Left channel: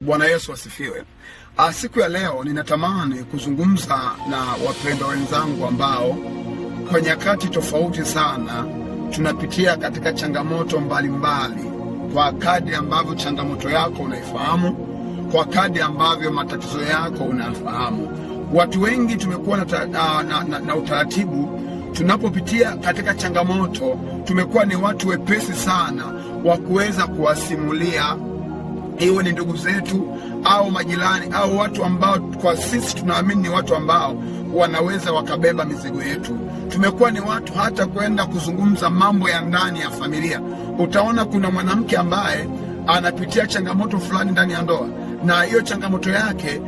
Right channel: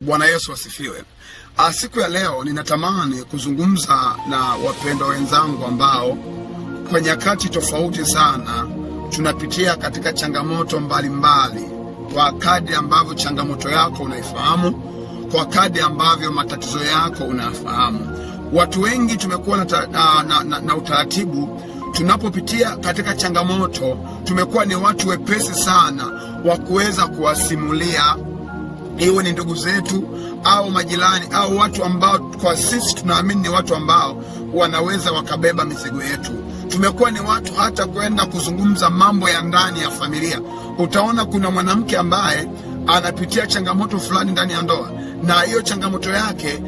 Bwana Yesu asifiwe. Siku ya leo ninatamani kuzungumza na wapendwa wenzangu ambao kwa nyakati tofauti sana tunapitia katika changamoto mbalimbali. Kwa kadri ambavyo changamoto yako unaifahamu, kwa kadri ambavyo matatizo yako unafahamu. Watu wengi tumekuwa na utaratibu, tunapopitia katika changamoto tumekuwa ni watu wepesi sana wa kuweza kuwasimulia, iwe ni ndugu zetu au majirani au watu ambao kwa sisi tunaamini ni watu ambao wanaweza wakabeba mizigo yetu. Tumekuwa ni watu hata kwenda kuzungumza mambo ya ndani ya familia. Utaona kuna mwanamke ambaye anapitia changamoto fulani ndani ya ndoa, na hiyo changamoto yake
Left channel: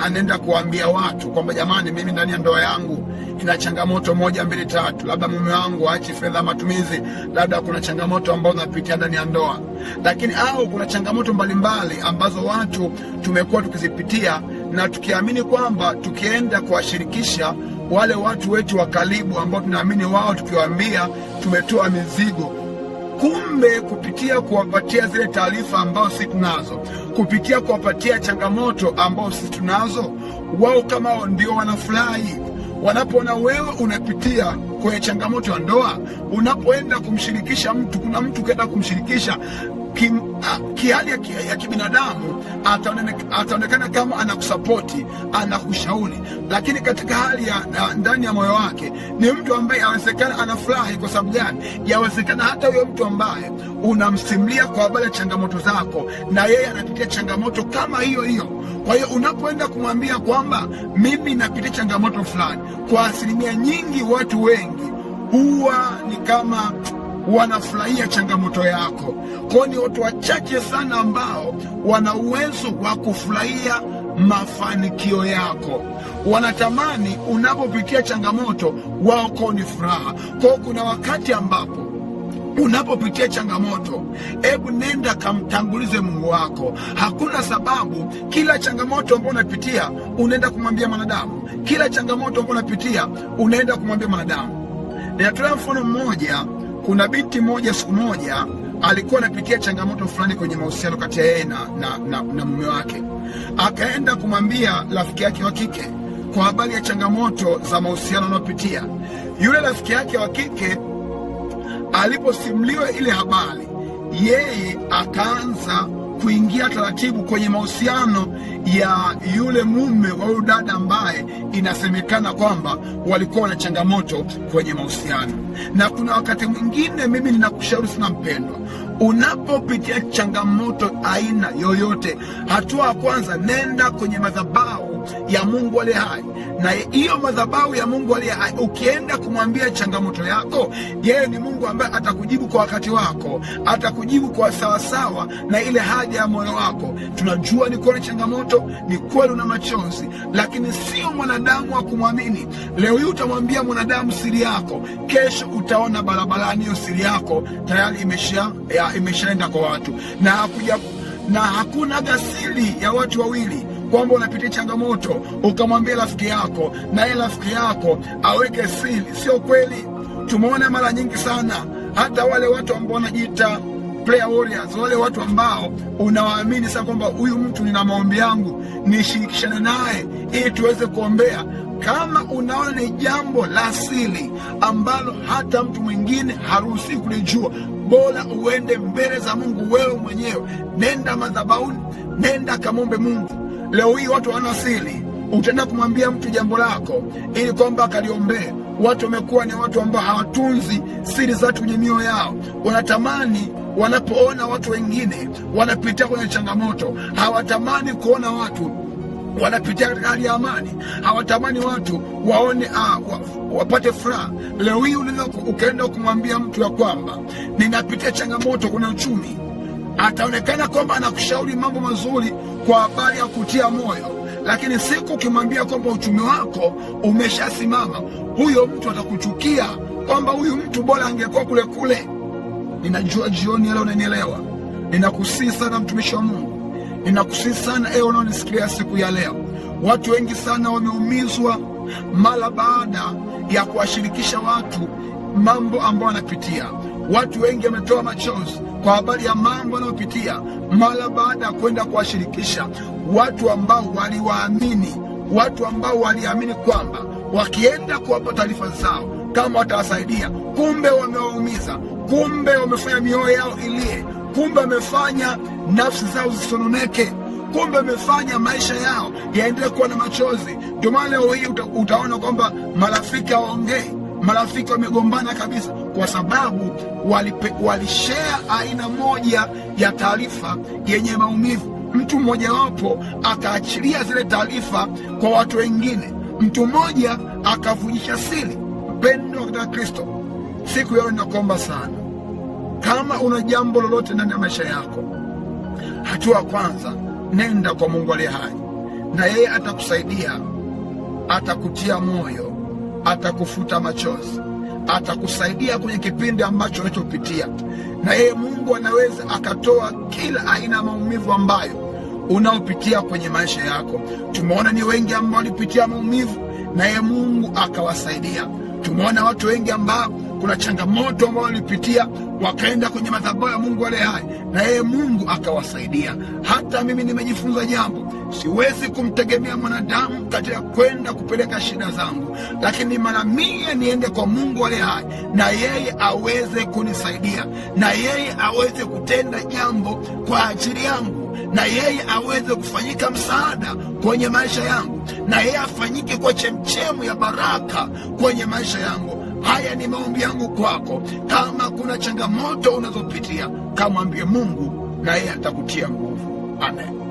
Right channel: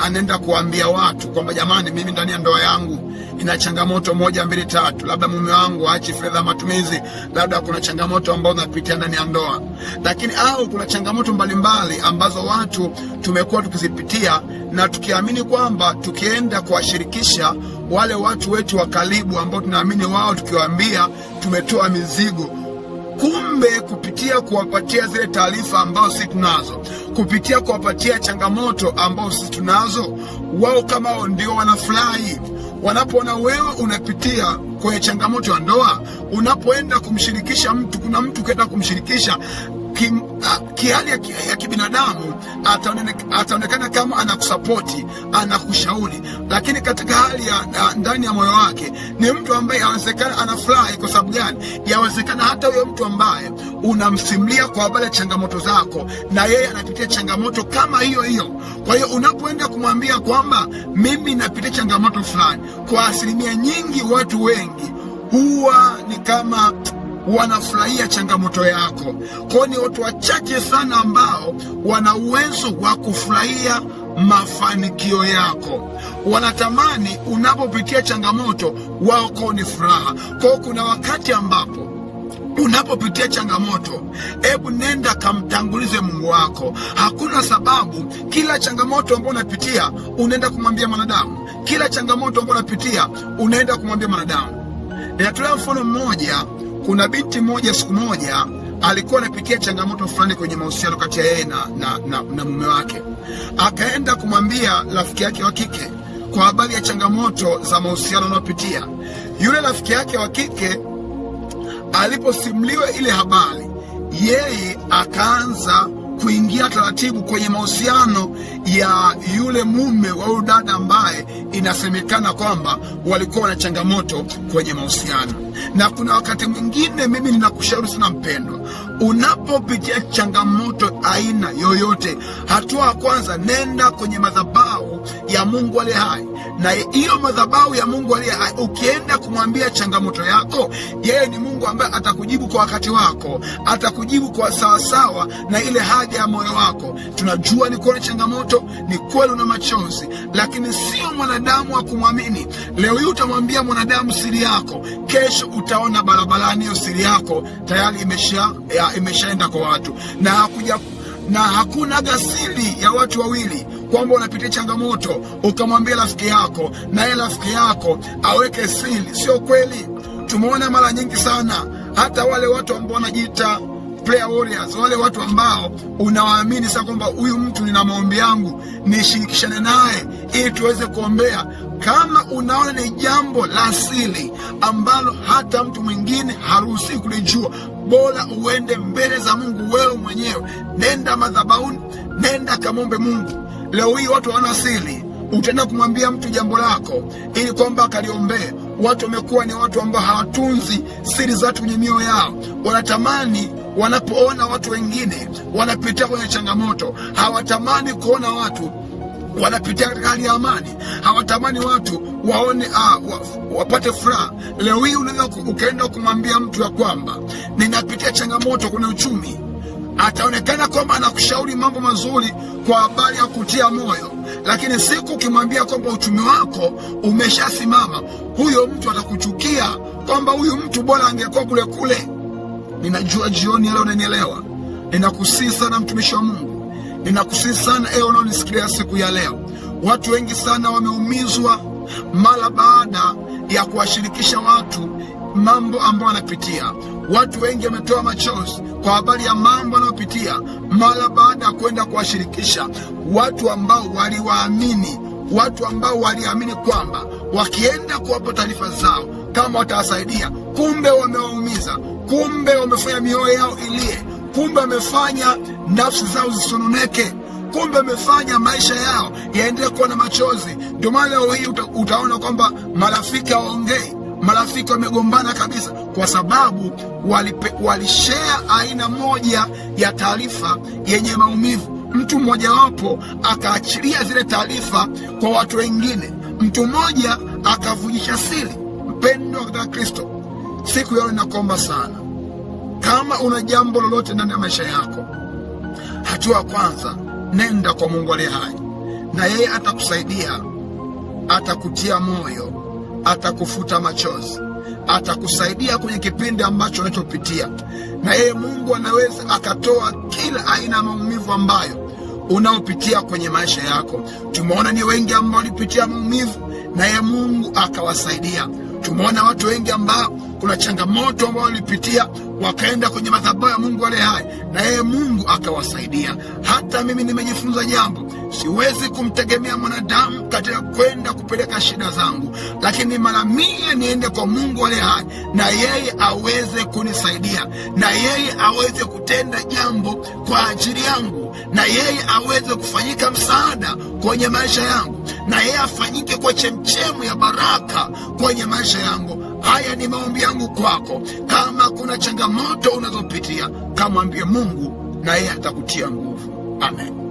anaenda kuambia watu kwamba jamani, mimi ndani ya ndoa yangu ina changamoto 1, 2, 3. Labda mume wangu haachi fedha matumizi, labda kuna changamoto ambazo napitia ndani ya ndoa. Lakini au kuna changamoto mbalimbali ambazo watu tumekuwa tukizipitia, na tukiamini kwamba tukienda kuwashirikisha wale watu wetu wa karibu ambao tunaamini wao, tukiwaambia tumetoa mizigo, kumbe kupitia kuwapatia zile taarifa ambao sisi tunazo, kupitia kuwapatia changamoto ambao sisi tunazo, wao kama wao ndio wanafurahi. Wanapoona wewe unapitia kwenye changamoto ya ndoa, unapoenda kumshirikisha mtu, kuna mtu kaenda kumshirikisha kihali ya kibinadamu, ataonekana kama anakusapoti, anakushauri, lakini katika hali ya ndani ya moyo wake ni mtu ambaye yawezekana anafurahi. Kwa sababu gani? Yawezekana hata huyo mtu ambaye unamsimulia kwa habari ya changamoto zako, na yeye anapitia changamoto kama hiyo hiyo. Kwa hiyo unapoenda kumwambia kwamba mimi napitia changamoto fulani, kwa asilimia nyingi watu wengi huwa ni kama wanafurahia changamoto yako. Kwa ni watu wachache sana ambao wana uwezo wa kufurahia mafanikio yako. Wanatamani unapopitia changamoto wao kwa ni furaha. Kwa kuna wakati ambapo unapopitia changamoto, hebu nenda kamtangulize Mungu wako. Hakuna sababu kila changamoto ambayo unapitia unaenda kumwambia mwanadamu. Kila changamoto ambayo unapitia unaenda kumwambia mwanadamu. Ninatolea mfano mmoja. Kuna binti moja, siku moja alikuwa anapitia changamoto fulani kwenye mahusiano kati ya yeye na mume wake. Akaenda kumwambia rafiki yake wa kike kwa habari ya changamoto za mahusiano anayopitia. Yule rafiki yake wa kike aliposimuliwa ile habari, yeye akaanza kuingia taratibu kwenye mahusiano ya yule mume wa yule dada ambaye inasemekana kwamba walikuwa na changamoto kwenye mahusiano. Na kuna wakati mwingine, mimi ninakushauri sana mpendwa, unapopitia changamoto aina yoyote, hatua ya kwanza, nenda kwenye madhabahu ya Mungu aliye hai. Na hiyo madhabahu ya Mungu aliye hai, ukienda kumwambia changamoto yako, yeye ni Mungu ambaye atakujibu kwa wakati wako, atakujibu kwa sawasawa na ile haja ya moyo wako. Tunajua ni kweli changamoto, ni kweli una machozi, lakini sio mwanadamu wa kumwamini. Leo hii utamwambia mwanadamu siri yako, kesho utaona barabarani hiyo siri yako tayari imeshaenda kwa watu. Na hakuna gasili ya watu wawili kwamba unapitia changamoto ukamwambia rafiki yako na yeye rafiki yako aweke siri. Sio kweli. Tumeona mara nyingi sana hata wale watu ambao wanajiita prayer warriors, wale watu ambao unawaamini sasa kwamba huyu mtu nina maombi yangu nishirikishane naye ili tuweze kuombea. Kama unaona ni jambo la siri ambalo hata mtu mwingine haruhusi kulijua, bora uende mbele za Mungu wewe mwenyewe. Nenda madhabahuni, nenda kamombe Mungu. Leo hii watu wana siri, utaenda kumwambia mtu jambo lako ili kwamba akaliombee. Watu wamekuwa ni watu ambao hawatunzi siri za watu kwenye mioyo yao. Wanatamani wanapoona watu wengine wanapitia kwenye changamoto, hawatamani kuona watu wanapitia katika hali ya amani. Hawatamani watu waone wapate furaha. Leo hii unaweza ukaenda kumwambia mtu ya kwamba ninapitia changamoto kwenye uchumi, ataonekana kwamba anakushauri mambo mazuri kwa habari ya kutia moyo, lakini siku ukimwambia kwamba uchumi wako umeshasimama, huyo mtu atakuchukia kwamba huyu mtu bora angekuwa kule kule. Ninajua jioni leo unanielewa. Ninakusihi sana mtumishi wa Mungu, ninakusihi sana ewe unaonisikiliza siku ya leo. Watu wengi sana wameumizwa mara baada ya kuwashirikisha watu mambo ambayo wanapitia. Watu wengi wametoa machozi kwa habari ya mambo wanayopitia mara baada ya kwenda kuwashirikisha watu ambao waliwaamini, watu ambao waliamini kwamba wakienda kuwapa taarifa zao kama watawasaidia, kumbe wamewaumiza, kumbe wamefanya mioyo yao ilie, kumbe wamefanya nafsi zao zisononeke, kumbe wamefanya maisha yao yaendelee kuwa na machozi. Ndio maana leo hii utaona kwamba marafiki hawaongei, marafiki wamegombana kabisa, kwa sababu walishare aina moja ya taarifa yenye maumivu. Mtu mmoja wapo akaachilia zile taarifa kwa watu wengine, mtu mmoja akavujisha siri. Mpendo katika Kristo, siku yao ninakuomba sana, kama una jambo lolote ndani ya maisha yako, hatua ya kwanza, nenda kwa Mungu aliye hai, na yeye atakusaidia, atakutia moyo, atakufuta machozi, atakusaidia kwenye kipindi ambacho unachopitia. Na yeye Mungu anaweza akatoa kila aina ya maumivu ambayo unaopitia kwenye maisha yako. Tumeona ni wengi ambao walipitia maumivu na yeye Mungu akawasaidia. Tumeona watu wengi ambao kuna changamoto ambao walipitia wakaenda kwenye madhabahu ya Mungu aliye hai, na yeye Mungu akawasaidia. Hata mimi nimejifunza jambo, siwezi kumtegemea mwanadamu katika kwenda kupeleka shida zangu, lakini mara mia niende kwa Mungu aliye hai, na yeye aweze kunisaidia, na yeye aweze kutenda jambo kwa ajili yangu, na yeye aweze kufanyika msaada kwenye maisha yangu, na yeye afanyike kwa chemchemu ya baraka kwenye maisha yangu. Haya ni maombi yangu kwako. Kama kuna changamoto unazopitia, kamwambie Mungu na yeye atakutia nguvu. Amen.